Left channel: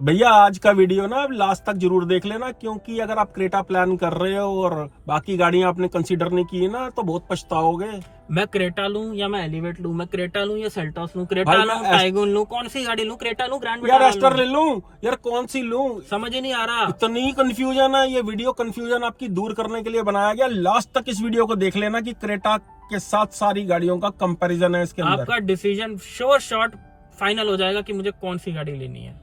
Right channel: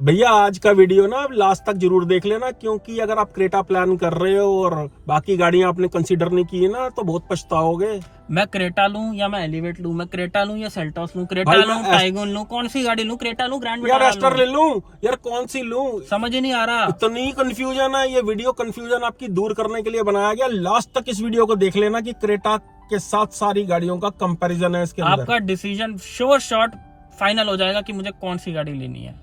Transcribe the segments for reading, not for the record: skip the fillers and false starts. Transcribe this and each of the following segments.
भैया आज का वीडियो ना आप लास्ट तक जरूर देख लेना, क्योंकि अगर आप क्रेटा प्लान कर रहे हो और बाकी गाड़ियां आपने कंसीडर नहीं की है ना तो बहुत पछताओगे। मैं क्रेटा लूं या मैं एलिवेट लूं, मैं क्रेटा लूं या सेल्टोस लूं, क्रेटा भाई लूं मैं टाइगोन लूं, कौन सी गाड़ी लूं? क्रेटा लूं, ग्रैंड यार विटारा एस्टर लूं? ले लूं यार, कौन सी लूं? समझ ही नहीं आ रहा। इतनी कंफ्यूजन है। ये वीडियो कंफ्यूजन आपकी दूर करने के लिए बनाया गया। लास्ट तक इस वीडियो को देख लेना कि क्रेटा के साथ सारी गाड़ियों का कंपैरिजन है इसके अंदर। आपका डिसीजन श्योर शॉर्ट फाइनल हो जाएगा कि मुझे कौन सी गाड़ी लेनी है।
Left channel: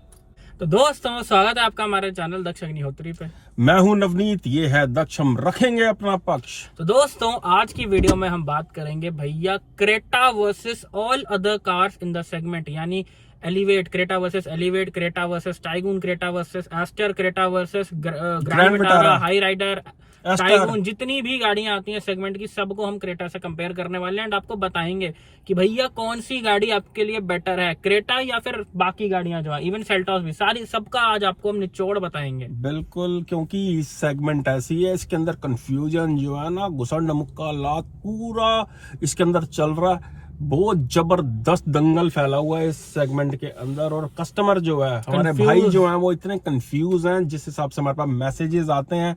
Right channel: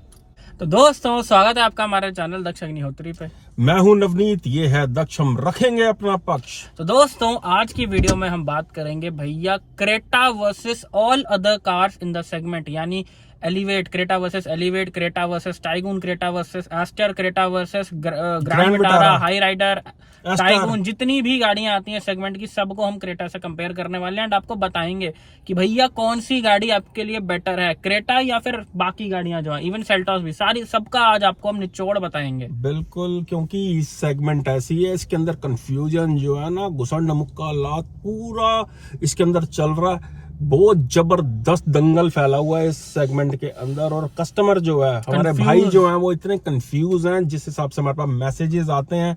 तो दोस्तों, स्वागत है आपका हमारे चैनल दक्ष अग्निहोत्री पे। मैं हूं नवनीत, ये है दक्ष, हम रखेंगे अपना पक्ष। तो दोस्तों, आज की वीडियो में हम बात करेंगे भैया Creta versus all other cars in the segment, यानी Elevate, Creta versus Elevate, Creta versus Taigun, Creta versus Astor, Creta versus Grand Vitara, Hyryder, Taigun, जितनी भी गाड़ियां आती हैं सेगमेंट की, सबको हम क्रेटा से कंपेयर करने वाले हैं एंड आपको बताएंगे कि भैया कौन सी गाड़ी आपके लिए बेटर है, क्रेटा या फिर बाकी गाड़ियां जो है, इवन सेल्टोस भी, सारी सबका आज आपको हम निचोड़ बताएंगे। बिल्कुल, क्योंकि इस सेगमेंट ऐसी है, इसके अंदर कंफ्यूजन जो है ना, घुसंड मुक्का लात पूरा इसके अंदर चल रहा है। बहुत जबरदस्त दंगल फैला हुआ है इस सेगमेंट के अंदर, और कस्टमर जो है, हमारे भाई जो हैं, वो इतने कंफ्यूज हैं, जिस हिसाब से हमारे पास मैसेजेस आते हैं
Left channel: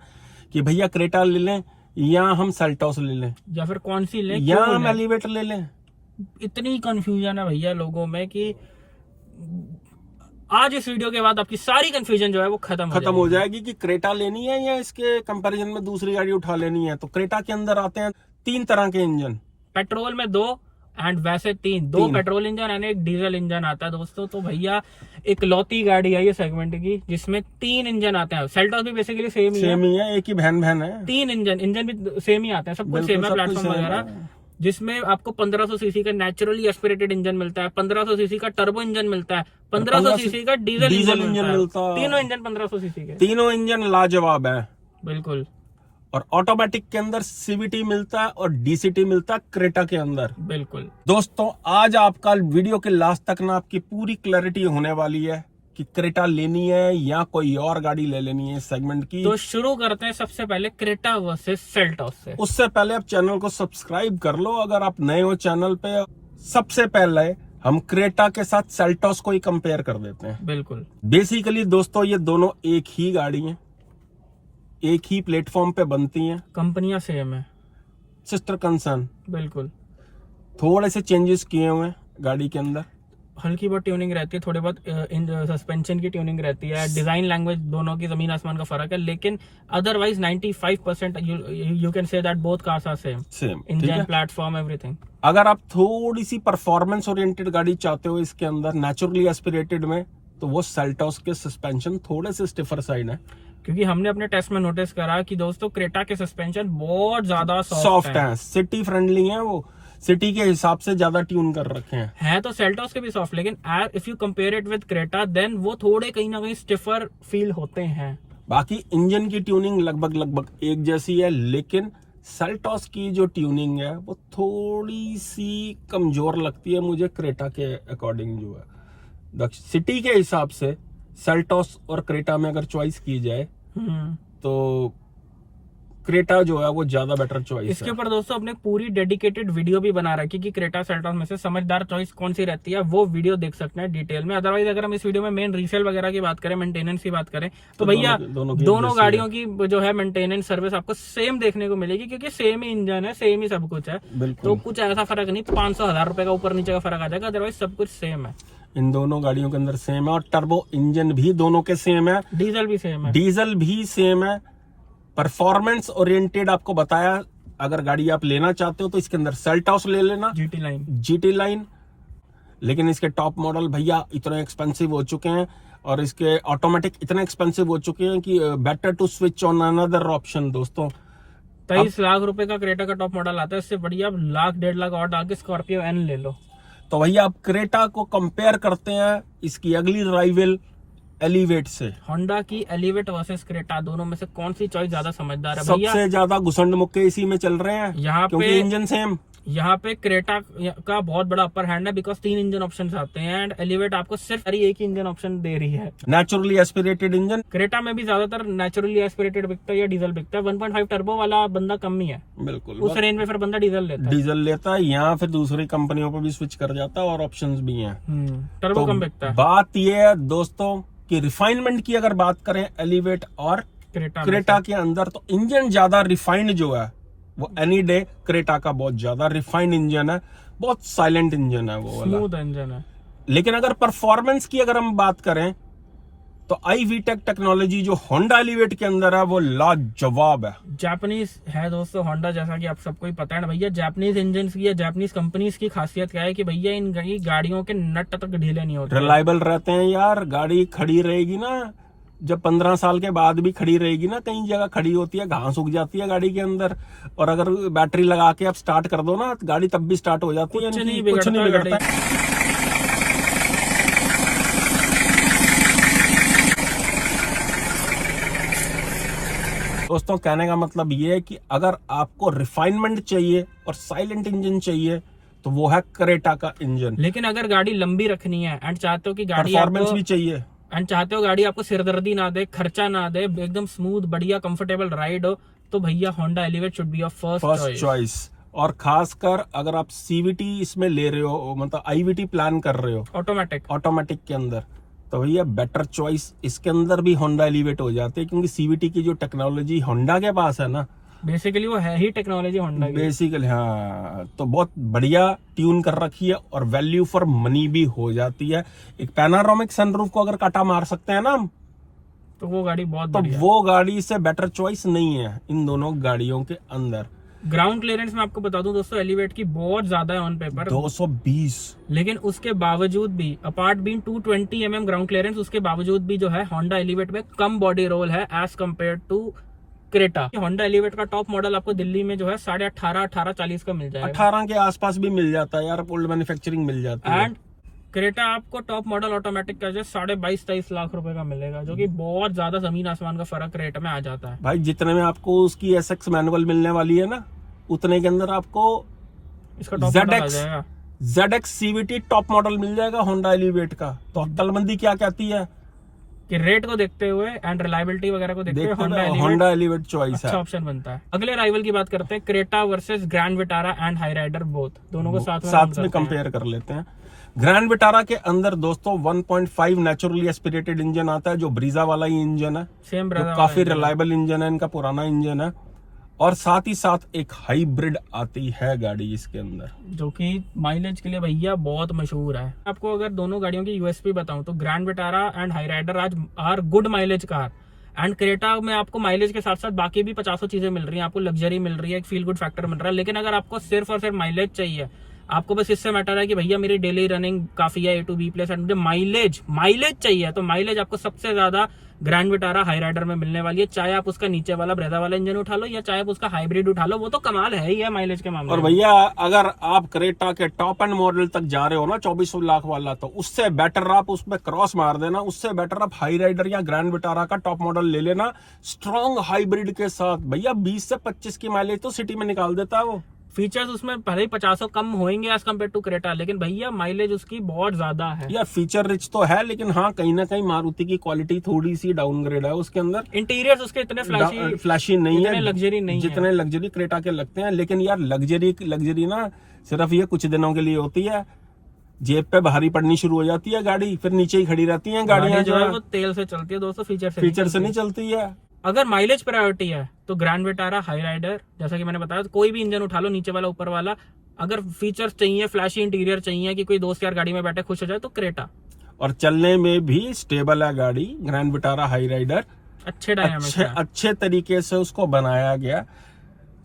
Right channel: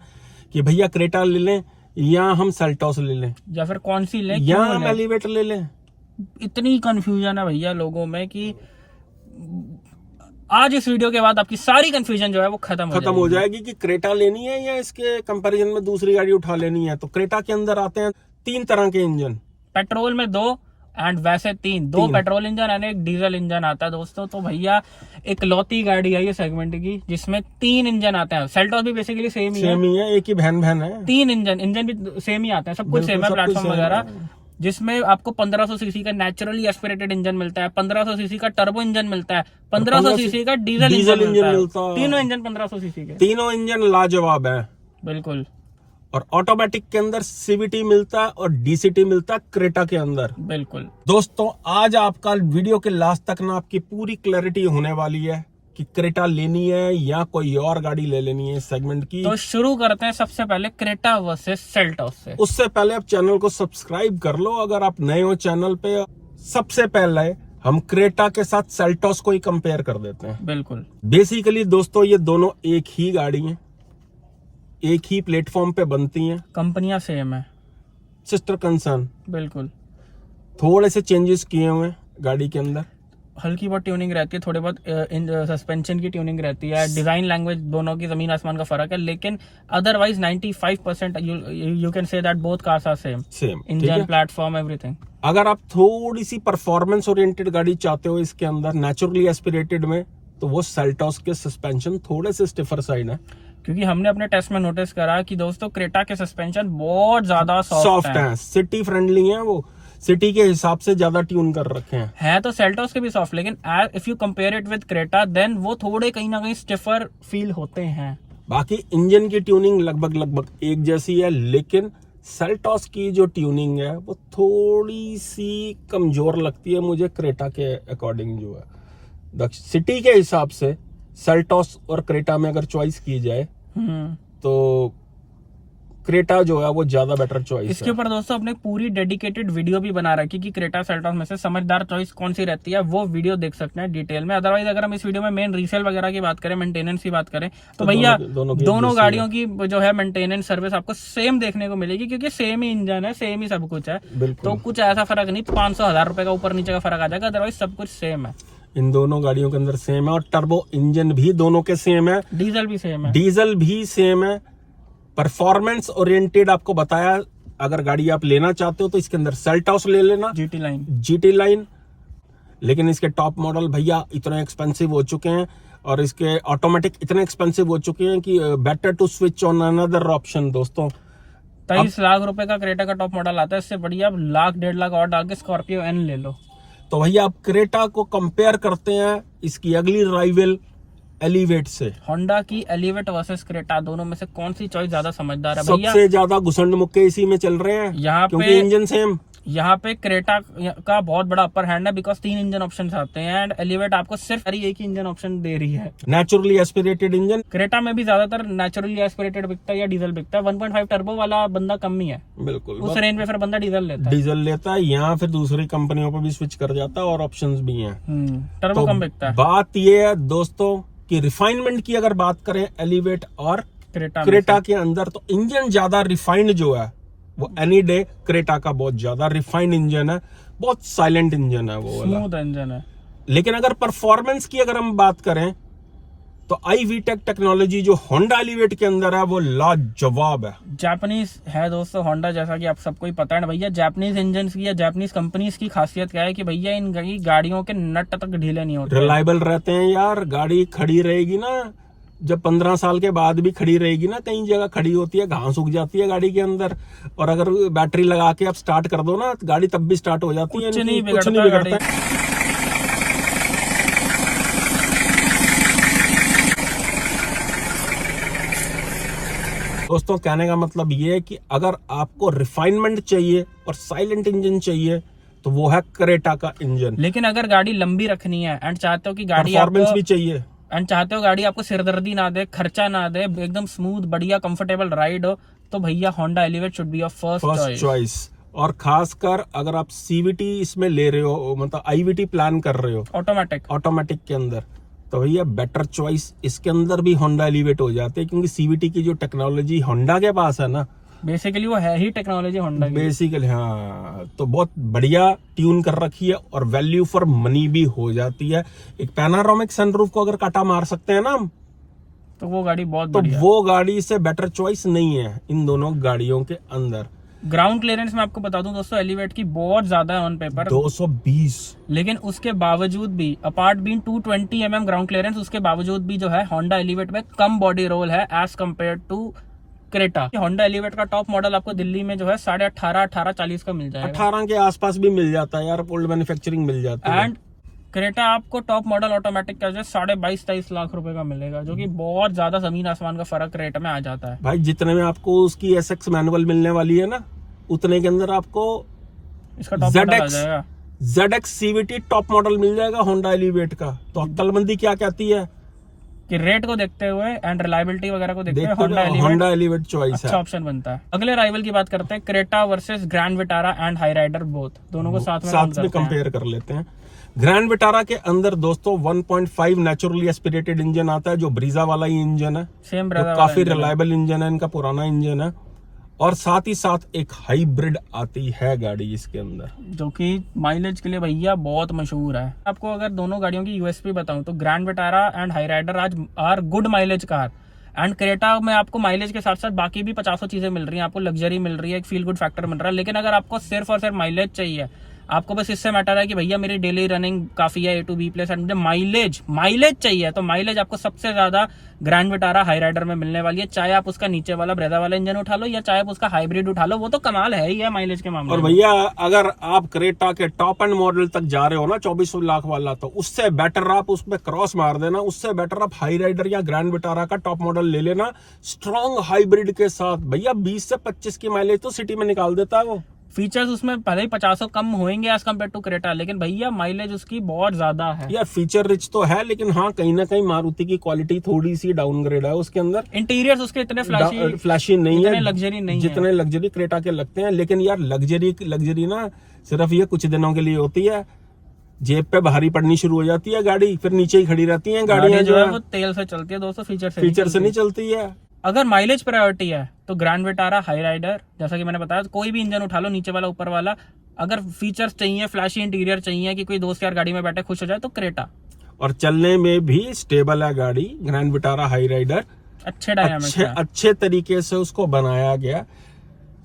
कि भैया क्रेटा ले लें या हम सेल्टोस ले लें या फिर कौन सी लें, या क्यों हम लें? एलिवेटर ले लें। इतनी कंफ्यूजन है भैया लोगों में कि आज इस वीडियो के बाद आपकी सारी कंफ्यूजन जो है वो खत्म हो जाएगी कि क्रेटा लेनी है या इसके कंपैरिजन में दूसरी गाड़ी उठा लेनी है। तो क्रेटा के अंदर आते हैं 3 तरह के इंजन, पेट्रोल में 2 एंड वैसे 3 पेट्रोल इंजन एंड एक डीजल इंजन आता है दोस्तों। तो भैया एक लौती गाड़ी है ये सेगमेंट की जिसमें 3 इंजन आते हैं। सेल्टोस भी बेसिकली सेम ही है, एक ही बहन है। 3 इंजन भी सेम ही आते हैं, सब कुछ सेम है, प्लेटफॉर्म वगैरह, जिसमें आपको 1500 सीसी का नेचुरली एस्पिरेटेड इंजन मिलता है, 1500 सीसी का टर्बो इंजन मिलता है, 1500 सीसी का डीजल इंजन मिलता है। तीनों इंजन 1500 सीसी के, तीनों इंजन लाजवाब है बिल्कुल। और ऑटोमेटिक के अंदर सीवीटी मिलता है और डीसीटी मिलता है क्रेटा के अंदर, बिल्कुल। दोस्तों आज आपका वीडियो के लास्ट तक ना आपकी पूरी क्लैरिटी होने वाली है कि क्रेटा लेनी है या कोई और गाड़ी ले लेनी है इस सेगमेंट की। तो शुरू करते हैं सबसे पहले क्रेटा वर्सेस सेल्टोस से। उससे पहले आप चैनल को सब्सक्राइब कर लो अगर आप नए हो चैनल पे। सबसे पहले हम क्रेटा के साथ सेल्टोस को ही कंपेयर कर देते हैं। बिल्कुल। बेसिकली दोस्तों ये दोनों एक ही गाड़ी हैं, एक ही प्लेटफॉर्म पे बनती हैं, कंपनियां सेम है, सिस्टर कंसर्न। बिल्कुल। थोड़े से चेंजेस किए हुए हैं गाड़ी के अंदर, हल्की बहुत ट्यूनिंग रहती है, थोड़े बहुत सस्पेंशन की ट्यूनिंग रहती है, डिजाइन लैंग्वेज दोनों की जमीन आसमान का फर्क है, लेकिन otherwise 95% you can say that both cars are same engine, platform, everything. अगर आप थोड़ी सी परफॉर्मेंस ओरिएंटेड गाड़ी चाहते हो इसके अंदर नेचुरली एस्पिरेटेड में, तो वो सेल्टोस के सस्पेंशन थोड़े से स्टिफर साइड है, क्योंकि हमने अपने टेस्ट में नोटिस करा कि दोस्तों क्रेटा के सस्पेंशन बहुत ज्यादा सॉफ्ट हैं, सिटी फ्रेंडली हैं, वो सिटी के हिसाब से ज्यादा ट्यून कर रखे हैं। है तो सेल्टोस के भी सॉफ्ट, लेकिन if you compare it with Creta then वो थोड़े कहीं ना कहीं स्टिफर फील होते हैं। बाकी इंजन की ट्यूनिंग लगभग एक जैसी है, लेकिन सेल्टोस की जो ट्यूनिंग है वो थोड़ी सी कमजोर लगती है मुझे क्रेटा के अकॉर्डिंग। जो है सिटी के हिसाब से सेल्टोस और क्रेटा में अगर चॉइस की जाए तो क्रेटा जो है वो ज्यादा बेटर चॉइस है। इसके ऊपर दोस्तों अपने पूरी डेडिकेटेड वीडियो भी बना रखी कि क्रेटा सेल्टोस में से समझदार चॉइस कौन सी रहती है, वो वीडियो देख सकते हैं डिटेल में। अदरवाइज अगर हम इस वीडियो में मेन रीसेल वगैरह की बात करें, मेंटेनेंस की बात करें, तो भैया दोनों गाड़ियों की जो है मेंटेनेंस सर्विस आपको सेम देखने को मिलेगी, क्योंकि सेम ही इंजन है, सेम ही सब कुछ है। तो कुछ ऐसा फर्क नहीं, 500-1000 रुपए का ऊपर नीचे का फर्क आ जाएगा, अदरवाइज सब कुछ सेम है। इन दोनों गाड़ियों के अंदर सेम है, और टर्बो इंजन भी दोनों के सेम है, डीजल भी सेम है। परफॉर्मेंस ओरिएंटेड आपको बताया, अगर गाड़ी आप लेना चाहते हो तो इसके अंदर सेल्टोस ले लेना, जीटी लाइन। लेकिन इसके टॉप मॉडल भैया इतने एक्सपेंसिव हो चुके हैं और इसके ऑटोमेटिक इतने एक्सपेंसिव हो चुके हैं कि better to switch on another option. दोस्तों 23 लाख रुपए का क्रेटा का टॉप मॉडल आता है, इससे बढ़िया आप 1.5 लाख और डाल के स्कॉर्पियो एन ले लो। तो भैया आप क्रेटा को कंपेयर करते हैं इसकी अगली राइवल एलिवेट से। होंडा की एलिवेट वर्सेस क्रेटा, दोनों में से कौन सी चॉइस ज्यादा समझदार है भैया? सबसे ज्यादा घुसंड मुक्के इसी में चल रहे हैं यहाँ क्योंकि इंजन सेम। यहाँ पे क्रेटा का बहुत बड़ा अपर हैंड है, बिकॉज 3 इंजन ऑप्शन आते हैं एंड एलिवेट आपको सिर्फ एक ही इंजन ऑप्शन दे रही है, नेचुरली एस्पिरेटेड इंजन। क्रेटा में भी ज्यादातर नेचुरली एस्पिरेटेड बिकता है या डीजल बिकता है। 1.5 टर्बो वाला बंदा कम ही है, बिल्कुल उस रेंज में फिर बंदा डीजल लेता है, या फिर दूसरी कंपनियों पर भी स्विच कर जाता है और ऑप्शंस भी हैं, टर्बो कम बिकता है। बात ये है दोस्तों कि रिफाइनमेंट की अगर बात करें एलिवेट और क्रेटा क्रेटा के अंदर, तो इंजन ज्यादा रिफाइंड जो है वो एनी डे क्रेटा का बहुत ज्यादा रिफाइंड इंजन है, बहुत साइलेंट इंजन है वो वाला। स्मूथ इंजन है। लेकिन अगर परफॉर्मेंस की अगर हम बात करें तो iVTEC टेक्नोलॉजी जो होंडा एलिवेट के अंदर है वो लाजवाब है। जापानीज है दोस्तों होंडा, जैसा कि आप सबको ही पता है ना भैया। जापानीज इंजन की या जापानीज कंपनीज की खासियत क्या है कि भैया इन गाड़ियों के नट तक ढीले नहीं होते, रिलायबल रहते हैं यार। गाड़ी खड़ी रहेगी ना, जब 15 साल के बाद भी खड़ी रहेगी ना, कई जगह खड़ी होती है, घास उग जाती है गाड़ी के अंदर, और अगर बैटरी लगा के आप स्टार्ट कर दो ना, गाड़ी तब भी स्टार्ट हो जाती है, कुछ नहीं बिगड़ता। दोस्तों कहने का मतलब ये है कि अगर आपको रिफाइनमेंट चाहिए और साइलेंट इंजन चाहिए तो वो है क्रेटा का इंजन। लेकिन अगर गाड़ी लंबी रखनी है एंड चाहते हो कि गाड़ी परफॉर्मेंस भी चाहिए एंड चाहते हो गाड़ी आपको सिरदर्दी ना दे, खर्चा ना दे, एकदम स्मूथ बढ़िया कंफर्टेबल राइड हो, तो भैया Honda elevate should be your first choice. और खासकर अगर आप सीवीटी इसमें ले रहे हो, मतलब आईवीटी प्लान कर रहे हो ऑटोमेटिक के अंदर, तो भैया बेटर चॉइस इसके अंदर भी होंडा एलिवेट हो जाते हैं, क्योंकि सीवीटी की जो टेक्नोलॉजी होंडा के पास है ना, बेसिकली वो है ही टेक्नोलॉजी होंडा की। बेसिकली हाँ, तो बहुत बढ़िया ट्यून कर रखी है और वैल्यू फॉर मनी भी हो जाती है। एक पैनारोमिक सनरूफ को अगर काटा मार सकते हैं ना हम, तो वो गाड़ी बहुत तो वो गाड़ी से बेटर चॉइस नहीं है इन दोनों गाड़ियों के अंदर। ग्राउंड क्लियरेंस में आपको बता दूं दोस्तों, एलिवेट की बहुत ज्यादा है ऑन पेपर 220, लेकिन उसके बावजूद भी apart being 220 mm ground clearance, उसके बावजूद भी जो है होंडा एलिवेट में कम बॉडी रोल है as compare to Creta. Honda Elevate का टॉप मॉडल आपको दिल्ली में जो है 18.5-18-40 का मिल जाएगा, 18 के आसपास भी मिल जाता है यार, ओल्ड मैन्युफैक्चरिंग मिल जाती है। एंड क्रेटा आपको टॉप मॉडल ऑटोमेटिक का जो 22-23 लाख रुपए का मिलेगा, जो कि बहुत ज्यादा जमीन आसमान का फर्क रेट में आ जाता है भाई। जितने में आपको उसकी SX मैनुअल मिलने वाली है ना, उतने के अंदर आपको इसका टॉप मॉडल आ जाएगा। ZX CVT टॉप मॉडल मिल जाएगा होंडा एलिवेट का। तो अक्लमंदी क्या कहती है कि रेट को देखते हुए एंड रिलायबिलिटी वगैरह को देखते हुए होंडा एलिवेट चॉइस अच्छा ऑप्शन बनता है। अगले राइवल की बात करते हैं, Creta versus Grand Vitara and Hyryder, both दोनों को साथ में कंपेयर कर लेते हैं। ग्रैंड विटारा के अंदर दोस्तों 1.5 नेचुरली एस्पिरेटेड इंजन आता है, जो ब्रीजा वाला ही इंजन है, सेम जो काफी रिलायबल इंजन है, इनका पुराना इंजन है। और साथ ही साथ एक हाइब्रिड आती है गाड़ी इसके अंदर, जो कि माइलेज के लिए भैया बहुत मशहूर है। आपको अगर दोनों गाड़ियों की यूएसपी बताऊं तो Grand Vitara and Hyryder आज are good mileage car, and Creta में आपको माइलेज के साथ साथ बाकी भी 50 चीजें मिल रही हैं, आपको लग्जरी मिल रही है, एक फील गुड फैक्टर मिल रहा है। लेकिन अगर आपको सिर्फ और सिर्फ माइलेज चाहिए, आपको बस इससे मैटर है कि भैया मेरी डेली रनिंग काफी है A to B plus, and मुझे माइलेज चाहिए, तो माइलेज आपको सबसे ज्यादा ग्रैंड विटारा हाई राइडर में मिलने वाली है। चाहे आप उसका नीचे वाला ब्रेजा वाला इंजन उठा लो या चाहे आप उसका हाइब्रिड उठा लो, वो तो कमाल है ही है माइलेज के मामले में। और भैया अगर आप क्रेटा के टॉप एंड मॉडल तक जा रहे हो ना 24 लाख वाला, तो उससे बेटर आप उसमें क्रॉस मार देना, उससे बेटर आप हाई राइडर या ग्रैंड विटारा का टॉप मॉडल ले लेना स्ट्रॉन्ग हाइब्रिड के साथ। भैया 20 से 25 की माइलेज तो सिटी में निकाल देता है वो। फीचर्स उसमें भले ही 50 कम होंगे एज कम्पेयर टू क्रेटा, लेकिन भैया माइलेज उसकी बहुत ज्यादा है यार। फीचर रिच तो है, लेकिन हाँ कहीं ना कहीं मारुति की क्वालिटी थोड़ी सी डाउनग्रेड है उसके अंदर। इंटीरियर्स उसके इतने फ्लैशी नहीं है, लग्जरी नहीं, जितने लग्जरी क्रेटा के लगते हैं। लेकिन यार लग्जरी ना सिर्फ ये कुछ दिनों के लिए होती है, जेब पे भारी पड़नी शुरू हो जाती है गाड़ी, फिर नीचे ही खड़ी रहती हैं गाड़ियां जो है। तेल से चलती है दोस्तों, फीचर से नहीं चलती है। अगर माइलेज प्रायोरिटी है तो ग्रैंड विटारा, हाई राइडर, जैसा कि मैंने बताया, कोई भी इंजन उठा लो, नीचे वाला ऊपर वाला। अगर फीचर्स चाहिए, फ्लैशी इंटीरियर चाहिए कि कोई दोस्त यार गाड़ी में बैठे खुश हो जाए, तो क्रेटा। और चलने में भी स्टेबल है गाड़ी ग्रैंड विटारा हाई राइडर, अच्छे तरीके से उसको बनाया गया,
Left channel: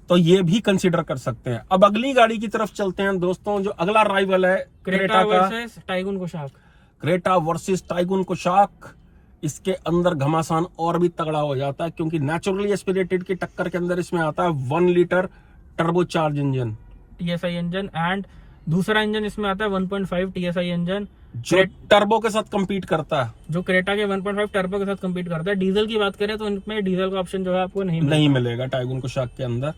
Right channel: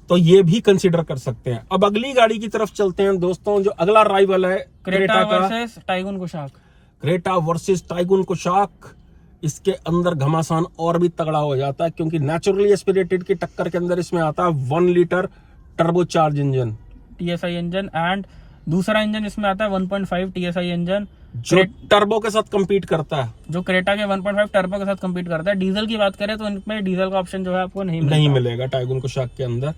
तो ये भी कंसीडर कर सकते हैं। अब अगली गाड़ी की तरफ चलते हैं दोस्तों, जो अगला राइवल है Creta versus Tiguan Kushaq. Creta versus Tiguan Kushaq. इसके अंदर घमासान और भी तगड़ा हो जाता है, क्योंकि नेचुरली एस्पिरेटेड की टक्कर के अंदर इसमें आता है 1 litre turbocharge engine, TSI engine, and दूसरा इंजन इसमें आता है 1.5 TSI इंजन, जो टर्बो के साथ compete करता है, जो क्रेटा के 1.5 टर्बो के साथ compete करता है। डीजल की बात करें तो इनमें डीजल का ऑप्शन जो है आपको नहीं मिलेगा टाइगुन कुशाक के अंदर।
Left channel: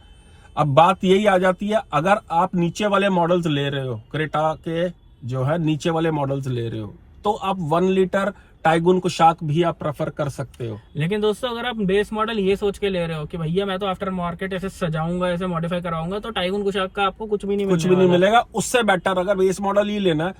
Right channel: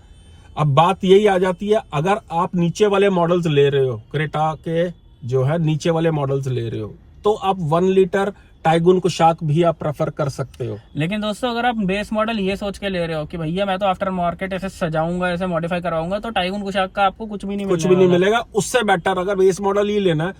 अब बात यही आ जाती है, अगर आप नीचे वाले मॉडल्स ले रहे हो, क्रेटा के जो है नीचे वाले मॉडल्स ले रहे हो, तो आप 1 लीटर टाइगुन कुशाक भी आप प्रेफर कर सकते हो। लेकिन दोस्तों अगर आप बेस मॉडल ये सोच के ले रहे हो कि भैया मैं तो आफ्टर मार्केट ऐसे सजाऊंगा, ऐसे मॉडिफाई कराऊंगा, तो टाइगुन कुशाक का आपको कुछ भी नहीं मिलेगा। उससे बेटर अगर बेस मॉडल ही लेना है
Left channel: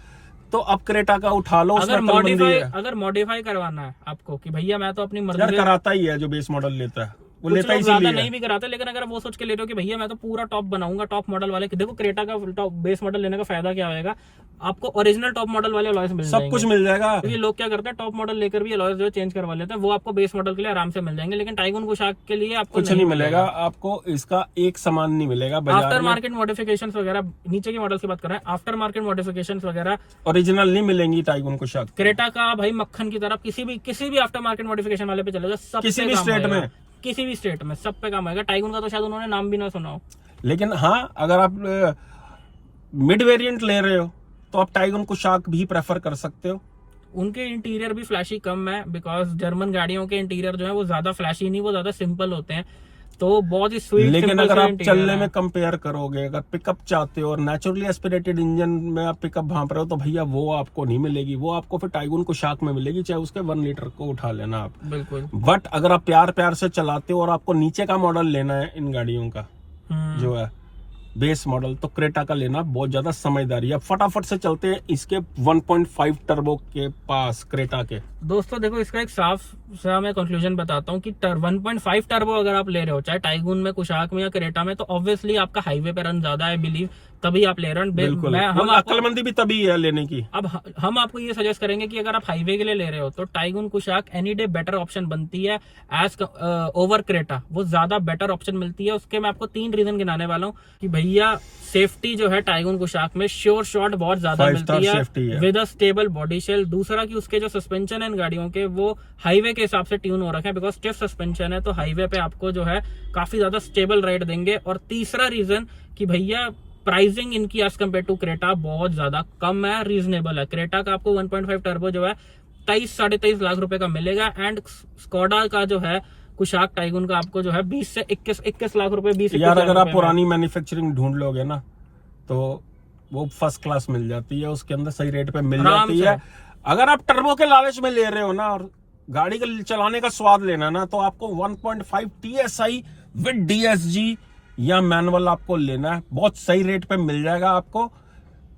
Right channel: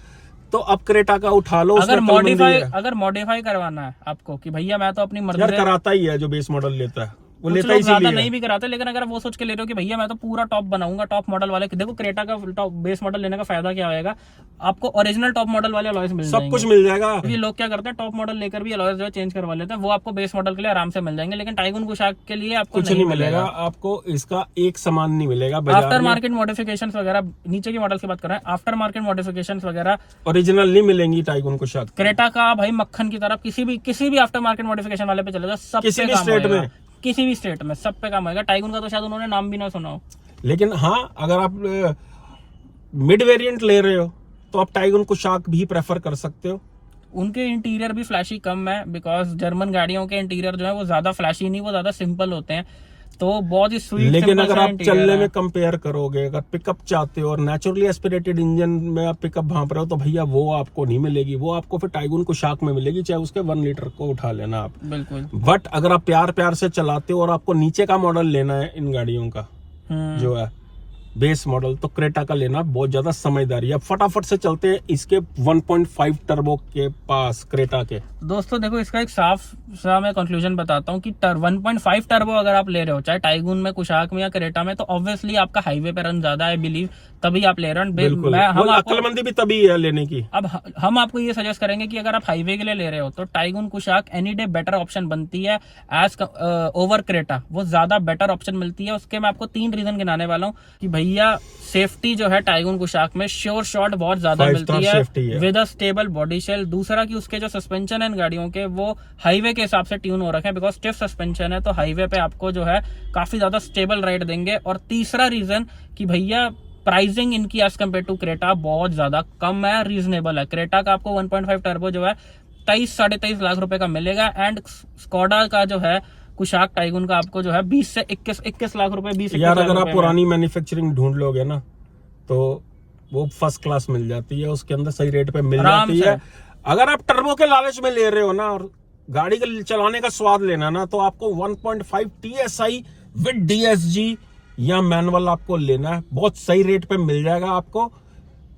तो अब क्रेटा का उठा लो, उसमें अक्लमंदी है। अगर मॉडिफाई करवाना है आपको कि भैया मैं तो अपनी मर्जी यार से, कराता ही है जो बेस मॉडल लेता है, वो कुछ लेता लोग ज्यादा इसीलिए नहीं भी कराते, लेकिन अगर आप वो सोच के ले रहे हो कि भैया मैं तो पूरा टॉप बनाऊंगा, टॉप मॉडल वाले, देखो क्रेटा का टॉप बेस मॉडल लेने का फायदा क्या होगा, आपको ओरिजिनल टॉप मॉडल वाले अलॉयज मिल सब कुछ मिल जाएगा। ये लोग क्या करते हैं, टॉप मॉडल लेकर भी अलॉयज जो चेंज करवा लेते हैं, वो आपको बेस मॉडल के लिए आराम से मिल जाएंगे, लेकिन टाइगून कुशाक के लिए आपको कुछ नहीं मिलेगा, आपको इसका एक सामान नहीं मिलेगा बाजार आफ्टर में। मार्केट मॉडिफिकेशंस वगैरह, नीचे की मॉडल की बात कर रहे हैं, आफ्टर मार्केट मॉडिफिकेशंस वगैरह ओरिजिनल नहीं मिलेंगी टाइगून कुशाक। क्रेटा का भाई मक्खन की तरह किसी भी आफ्टर मार्केट मॉडिफिकेशन वाले पे चले जाओ, सब किसी पे भी काम स्टेट होएगा। में, किसी भी स्टेट में सब पे काम आएगा। टाइगून का तो शायद उन्होंने नाम भी ना सुना हो। लेकिन हाँ अगर आप मिड वेरिएंट ले रहे हो तो आप टाइगून कुशाक भी प्रेफर कर सकते हो। उनके इंटीरियर भी फ्लैशी कम है, बिकॉज जर्मन गाड़ियों के इंटीरियर जो है वो ज्यादा फ्लैशी नहीं, वो ज्यादा सिंपल होते हैं, तो बहुत ही स्वीट। लेकिन अगर आप चलने में कंपेयर करोगे, अगर पिकअप चाहते हो और नेचुरली एस्पिरेटेड इंजन में आप पिकअप भांप रहे हो, तो भैया वो आपको नहीं मिलेगी, वो आपको फिर टाइगून कुशाक में मिलेगी, चाहे उसके 1 लीटर को उठा लेना आप। बिल्कुल। बट अगर आप प्यार प्यार से चलाते हो और आपको नीचे का मॉडल लेना है इन गाड़ियों का जो है बेस मॉडल, तो क्रेटा का लेना बहुत ज्यादा समझदारी है। अब फटाफट से चलते हैं इसके 1.5 टर्बो के पास क्रेटा के। दोस्तों देखो, इसका एक साफ सा मैं कंक्लूजन बताता हूँ कि 1.5 टर्बो अगर आप ले रहे हो, चाहे टाइगून में, कुशाक में या क्रेटा में, तो ऑब्वियसली आपका हाईवे पे रन ज्यादा है, बिलीव, तभी आप ले रहे हो। बिल्कुल, अक्लमंदी भी तभी है लेने की। अब हम आपको ये सजेस्ट करेंगे कि अगर आप हाईवे के लिए ले रहे हो तो tycoon Kushaq any day better option बनती है एज ओवर क्रेटा, वो ज्यादा बेटर ऑप्शन मिलती है। उसके मैं आपको 3 रीजन गिनाने वाला हूँ कि भैया सेफ्टी जो है टाइगून कुशाक में श्योर शॉट बहुत ज्यादा मिलती है with a stable body shell. दूसरा कि उसके जो सस्पेंशन है इन गाड़ियों के, वो हाईवे के हिसाब से ट्यून हो रखे हैं, बिकॉज स्टिफ सस्पेंशन है, तो हाईवे पे आपको जो है काफी ज्यादा स्टेबल राइड देंगे। और तीसरा रीजन कि भैया प्राइसिंग इनकी एज कम्पेयर टू क्रेटा बहुत ज्यादा कम है, रीजनेबल है। क्रेटा का आपको 1.5 टर्बो जो है 23-23.5 लाख रुपए का मिलेगा, एंड स्कोडा का जो है कुशाक टाइगून का आपको जो है 20 से 21 लाख रुपए। 20 यार अगर आप पुरानी मैन्युफैक्चरिंग ढूंढ लोगे ना तो वो फर्स्ट क्लास मिल जाती है, उसके अंदर सही रेट पे मिल जाती है। अगर आप टर्बो के लालच में ले रहे हो ना और गाड़ी का चलाने का स्वाद लेना ना, तो आपको 1.5 TSI विद DSG या मैनुअल आपको लेना है, बहुत सही रेट पे मिल जाएगा आपको।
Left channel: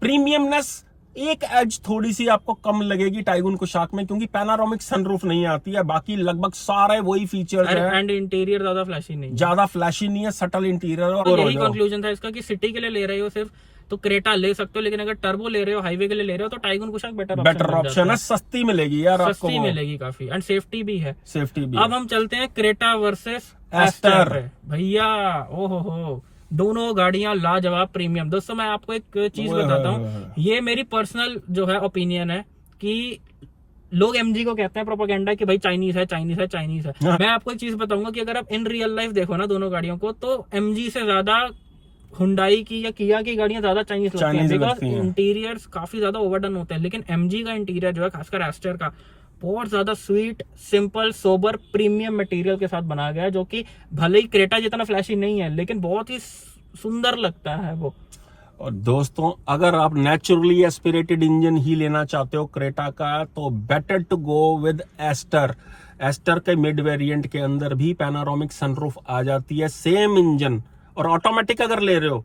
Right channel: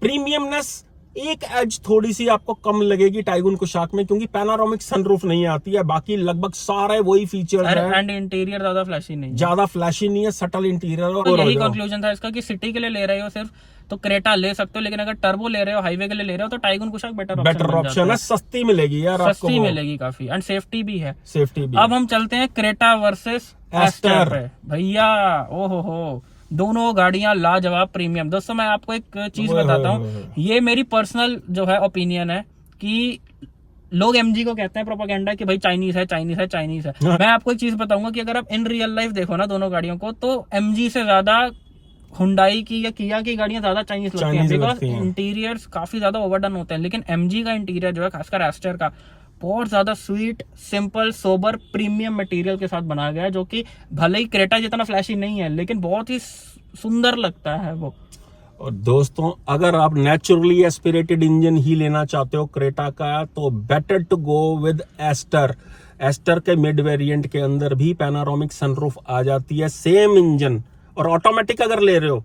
प्रीमियमनेस एक एज थोड़ी सी आपको कम लगेगी टाइगून कुशाक में, क्योंकि पैनारोमिक सनरूफ नहीं आती है, बाकी लगभग सारे वही फीचर्स हैं। एंड इंटीरियर ज्यादा फ्लैशी नहीं है, ज्यादा फ्लैशी नहीं है, सटल इंटीरियर। और यही कंक्लूजन था इसका कि सिटी के लिए ले रहे हो सिर्फ तो क्रेटा ले सकते हो, लेकिन अगर टर्बो ले रहे हो, हाईवे के लिए ले रहे हो, तो टाइगून कुशाक बेटर ऑप्शन है, सस्ती मिलेगी यार आपको, सस्ती मिलेगी काफी, एंड सेफ्टी भी है। सेफ्टी भी। अब हम चलते हैं क्रेटा वर्सेस एस्टर। भैया ओहो, दोनों गाड़ियां लाजवाब प्रीमियम। दोस्तों मैं आपको एक चीज बताता हूँ, ये मेरी पर्सनल जो है ओपिनियन है कि लोग MG को कहते हैं प्रोपेगेंडा कि भाई चाइनीज है, चाइनीज है, चाइनीज है। मैं आपको एक चीज बताऊंगा कि अगर आप इन रियल लाइफ देखो ना दोनों गाड़ियों को, तो MG से ज्यादा हुंडई की या किया की गाड़ियां ज्यादा चाइनीज लगती हैं, बिकॉज इंटीरियर्स काफी ज्यादा ओवरडन होते हैं। लेकिन MG का इंटीरियर जो है, खासकर एस्टर का, बहुत ज्यादा sweet, simple, sober, premium material के साथ बनाया गया है, जो कि भले ही क्रेटा जितना फ्लैशी नहीं है, लेकिन बहुत ही सुंदर लगता है वो। और दोस्तों अगर आप नेचुरली एस्पिरेटेड इंजन ही लेना चाहते हो क्रेटा का, तो better to go with Astor. Astor के मिड वेरिएंट के अंदर भी पैनारोमिक सनरूफ आ जाती है, सेम इंजन। और ऑटोमेटिक अगर ले रहे हो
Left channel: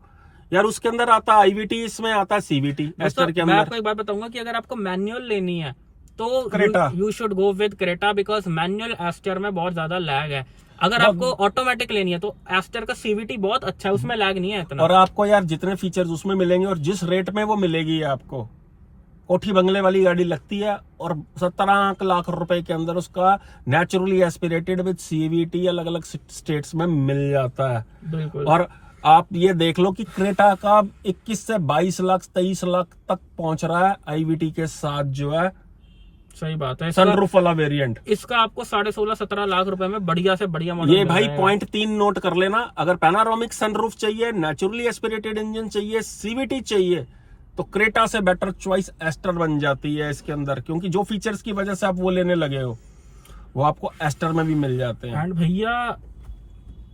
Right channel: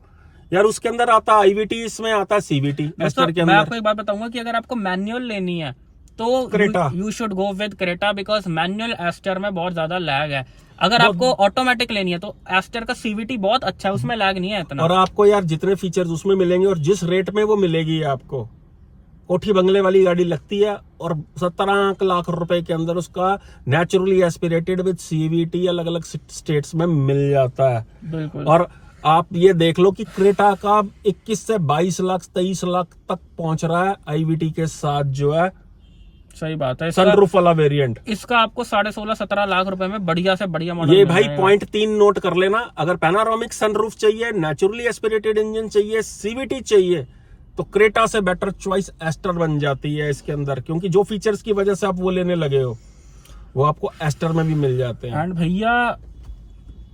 यार, उसके अंदर आता IVT, इसमें आता CVT एस्टर के अंदर। मैं आपको एक बात बताऊंगा कि अगर आपको मैनुअल लेनी है तो Creta you should go with Creta, because manual Astor में बहुत ज्यादा लैग है। अगर आपको ऑटोमेटिक लेनी है तो एस्टर का CVT बहुत अच्छा है, उसमें लैग नहीं है इतना। और आपको यार जितने फीचर्स उसमें मिलेंगे और जिस रेट में वो मिलेगी आपको, कोठी बंगले वाली गाड़ी लगती है, और 17 लाख रुपए के अंदर उसका नेचुरली एस्पिरेटेड विद CVT अलग अलग स्टेट्स में मिल जाता है। बिल्कुल। और आप ये देख लो कि क्रेटा का 21 से 22 लाख 23 लाख तक पहुंच रहा है IVT के साथ, जो है सही बात है। सनरूफ वाला वेरिएंट। इसका आपको 16.5-17 लाख रुपए में बढ़िया से बढ़िया मॉडल। ये भाई पॉइंट 3 नोट कर लेना, अगर पैनारोमिक सनरूफ चाहिए, नेचुरली एस्पिरेटेड इंजन चाहिए, CVT चाहिए, तो क्रेटा से बेटर चॉइस एस्टर बन जाती है इसके अंदर, क्योंकि जो फीचर्स की वजह से आप वो लेने लगे हो वो आपको एस्टर में भी मिल जाते हैं। एंड भैया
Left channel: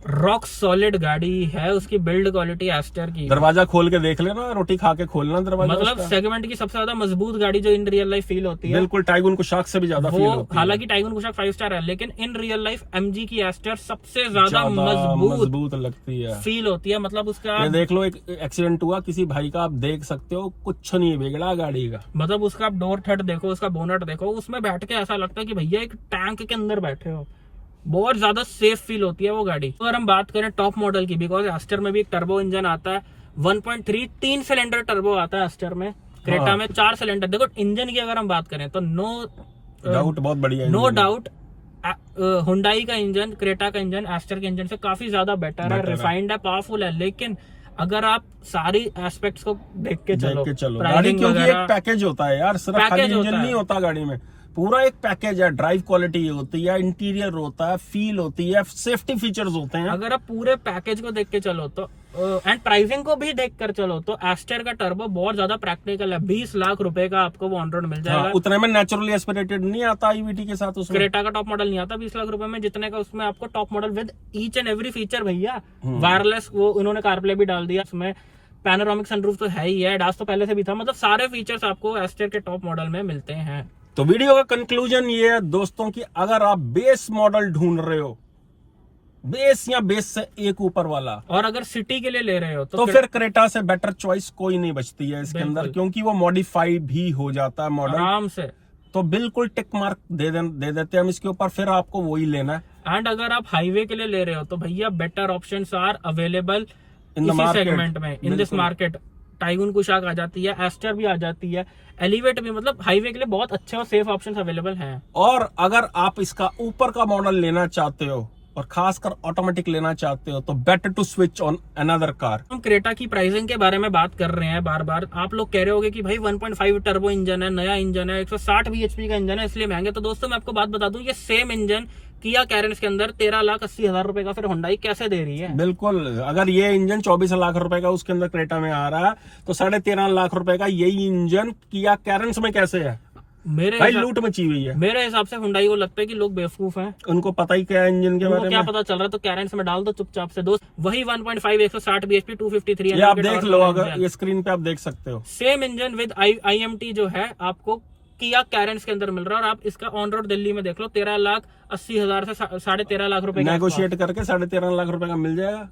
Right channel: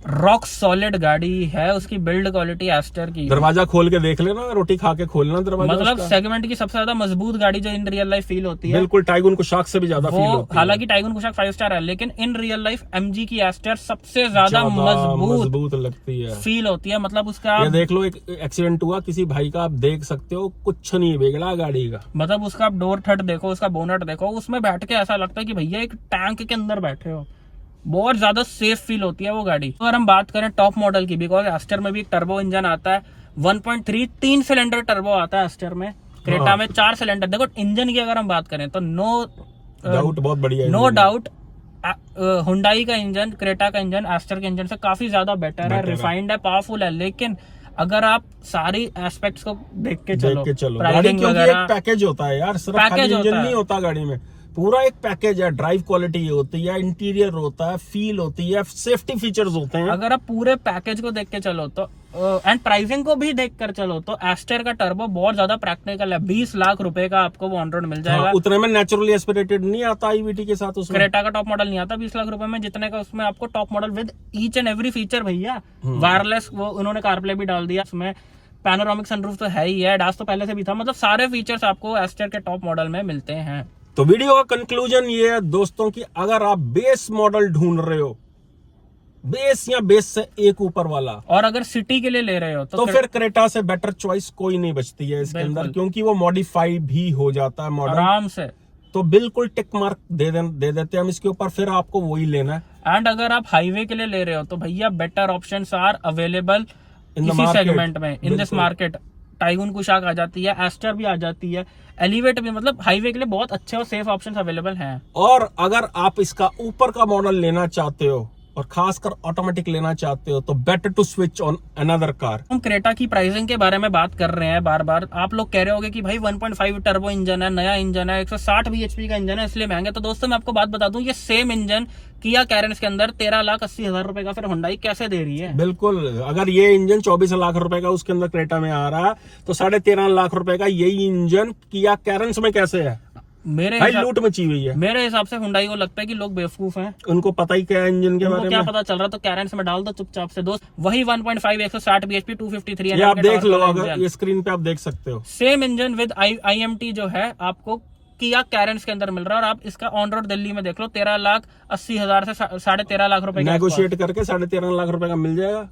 रॉक सॉलिड गाड़ी है, उसकी बिल्ड क्वालिटी एस्टर की। दरवाजा खोल के देख लेना, रोटी खा के खोलना दरवाजा मतलब उसका। सेगमेंट की सबसे ज्यादा मजबूत गाड़ी जो इन रियल लाइफ फील होती है। बिल्कुल टाइगून को शाक से भी ज्यादा फील होती है। हालांकि टाइगून कुशाक 5 स्टार है, लेकिन इन रियल लाइफ एमजी की एस्टर सबसे ज्यादा मजबूत लगती है, फील होती है। मतलब उसका ये देख लो, एक एक्सीडेंट हुआ किसी भाई का, आप देख सकते हो कुछ नहीं बिगड़ा गाड़ी का। मतलब उसका आप डोर थट देखो, उसका बोनट देखो, उसमें बैठ के ऐसा लगता है कि भैया एक टैंक के अंदर बैठे हो। बहुत ज्यादा सेफ फील होती है वो गाड़ी। तो अगर हम बात करें टॉप मॉडल की, बिकॉज एस्टर में भी एक टर्बो इंजन आता है, 1.3 3 सिलेंडर टर्बो आता है एस्टर में। क्रेटा में 4 सिलेंडर। देखो इंजन की अगर हम बात करें तो नो डाउट बहुत बढ़िया है, नो डाउट हुंडई का इंजन, क्रेटा का इंजन एस्टर के इंजन से काफी ज्यादा बेटर है, रिफाइंड है, पावरफुल है। लेकिन अगर आप सारी एस्पेक्ट्स को देख के चलो गाड़ी, क्योंकि एक पैकेज होता है यार, सिर्फ खाली इंजन नहीं होता गाड़ी में, पूरा एक पैकेज है। ड्राइव क्वालिटी होती है, इंटीरियर होता है, फील होती है, सेफ्टी फीचर्स होते हैं। अगर आप पूरे पैकेज को देख के चलो तो एंड प्राइसिंग को भी देख कर चलो तो एस्टर का टर्बो बहुत ज्यादा प्रैक्टिकल है। 20 लाख रुपए का आपको वो ऑन रोड मिल जाएगा। हाँ, उतने में नेचुरली एस्पिरेटेड नहीं आता ईवीटी के साथ उसमें। क्रेटा का टॉप मॉडल नहीं आता 20 लाख रुपए में, जितने का उसमें आपको top model with each and every feature भैया। वायरलेस वो उन्होंने कारप्ले भी डाल दिया उसमें, पैनोरामिक सनरूफ तो है ही है, डास तो पहले से भी था। मतलब सारे फीचर्स आपको एस्टर के टॉप मॉडल में मिलते हैं। तो वीडियो का कंक्लूजन ये है दोस्तों कि अगर आप बेस मॉडल ढूंढ रहे हो, बेस या बेस से एक ऊपर वाला, और अगर सिटी के लिए ले रहे हो तो फिर क्रेटा से बेटर चॉइस कोई नहीं बचती है इसके अंदर, क्योंकि वो मॉडिफाई भी हो जाता है मॉडल आराम से। तो बिल्कुल टिक मार्क दे देते हैं हम इसके ऊपर, फिर आपको वही लेना है। एंड अगर आप हाईवे के लिए ले रहे हो तो भैया better options are available in the segment में, in this market. Taigun Kushaq आ जाती है, एस्टर भी आ जाती है, एलिवेट भी। मतलब हाईवे के लिए बहुत अच्छे और सेफ ऑप्शंस अवेलेबल हैं। और अगर आप इसका ऊपर का मॉडल लेना चाहते हो और खासकर ऑटोमेटिक लेना चाहते हो तो better to switch on another car. हम क्रेटा की प्राइसिंग के बारे में बात कर रहे हैं बार बार। आप लोग कह रहे होगे कि भाई 1.5 टर्बो इंजन है, नया इंजन है, 160 bhp का इंजन है, इसलिए महंगे। तो दोस्तों मैं आपको बात बता दूं, ये सेम इंजन किया कैरेंस के अंदर 13,80,000 रुपए का फिर हुंडई कैसे दे रही है। बिल्कुल, अगर ये इंजन 24 लाख रुपए का उसके अंदर क्रेटा में आ रहा है तो 13.5 लाख रुपए का यही इंजन किया कैरेंस में कैसे है? भाई लूट मची हुई है। मेरे हिसाब से हुंडई को लगता है कि लोग बेवकूफ हैं, उनको पता ही क्या है इंजन के बारे में, क्या पता चल रहा, तो कैरेंस में डाल दो चुपचाप से दोस्त। वही 1.5 160 bhp 253 ये आप देख लो, अगर ये स्क्रीन पे आप देख सकते हो, सेम इंजन विद IMT जो है आपको किया कैरेंस के अंदर मिल रहा है। और आप इसका ऑन रोड दिल्ली में देख लो, 13,80,000 से 13.5 लाख रुपए नेगोशिएट करके 13.5 लाख रुपए का मिल जाएगा,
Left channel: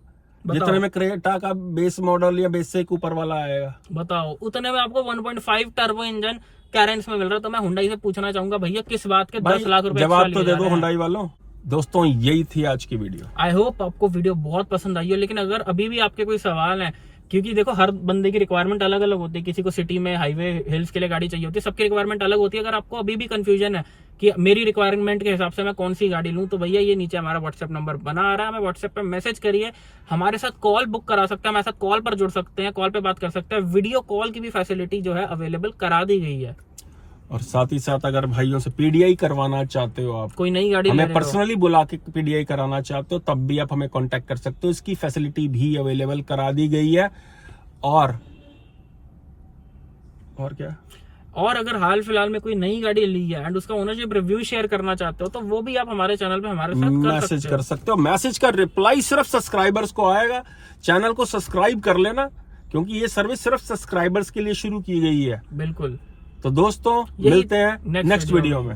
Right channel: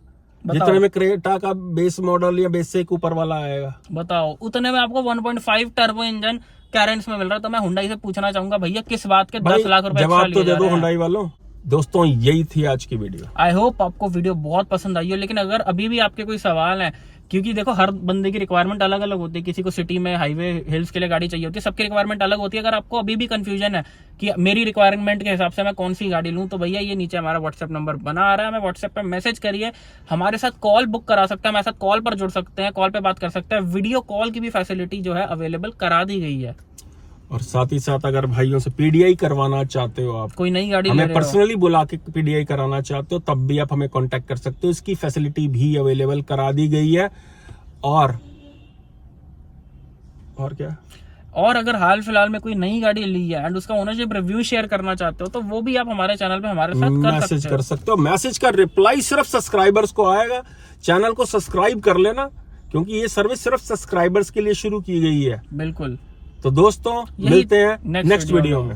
जितने में क्रेटा का बेस मॉडल या बेस से एक ऊपर वाला आएगा। बताओ, उतने में आपको 1.5 टर्बो इंजन कैरेंस में मिल रहा है। तो मैं हुंडई से पूछना चाहूंगा भैया किस बात के 10 लाख रुपए जवाब तो दे दो हुंडई वालों। दोस्तों यही थी आज की वीडियो। आई होप आपको वीडियो बहुत पसंद आई हो। लेकिन अगर अभी भी आपके कोई सवाल है, क्योंकि देखो हर बंदे की रिक्वायरमेंट अलग अलग होती है, किसी को सिटी में हाईवे हिल्स के लिए गाड़ी चाहिए होती है, सबकी रिक्वायरमेंट अलग होती है। अगर आपको अभी भी कंफ्यूजन है कि मेरी रिक्वायरमेंट के हिसाब से मैं कौन सी गाड़ी लूं, तो भैया ये नीचे हमारा व्हाट्सएप नंबर बना आ रहा है, मैं व्हाट्सएप पे मैसेज करिए, हमारे साथ कॉल बुक करा सकते हैं, हमारे साथ कॉल पर जुड़ सकते हैं, कॉल पे बात कर सकते हैं। वीडियो कॉल की भी फैसिलिटी जो है अवेलेबल करा दी गई है। और साथ ही साथ अगर भाइयों से पीडीआई करवाना चाहते हो, आप कोई नई गाड़ी हमें पर्सनली बुला के पीडीआई कराना चाहते हो, तब भी आप हमें कांटेक्ट कर सकते हो, इसकी फैसिलिटी भी अवेलेबल करा दी गई है। और क्या, और अगर हाल फिलहाल में कोई नई गाड़ी ली है एंड उसका ओनरशिप रिव्यू शेयर करना चाहते हो, तो वो भी आप हमारे चैनल पे हमारे साथ मैसेज कर सकते हो। मैसेज का रिप्लाई सिर्फ सब्सक्राइबर्स को आएगा। चैनल को सब्सक्राइब कर लेना, क्योंकि ये सर्विस सिर्फ सब्सक्राइबर्स के लिए शुरू की गई है। बिल्कुल। तो दोस्तों मिलते हैं नेक्स्ट वीडियो में।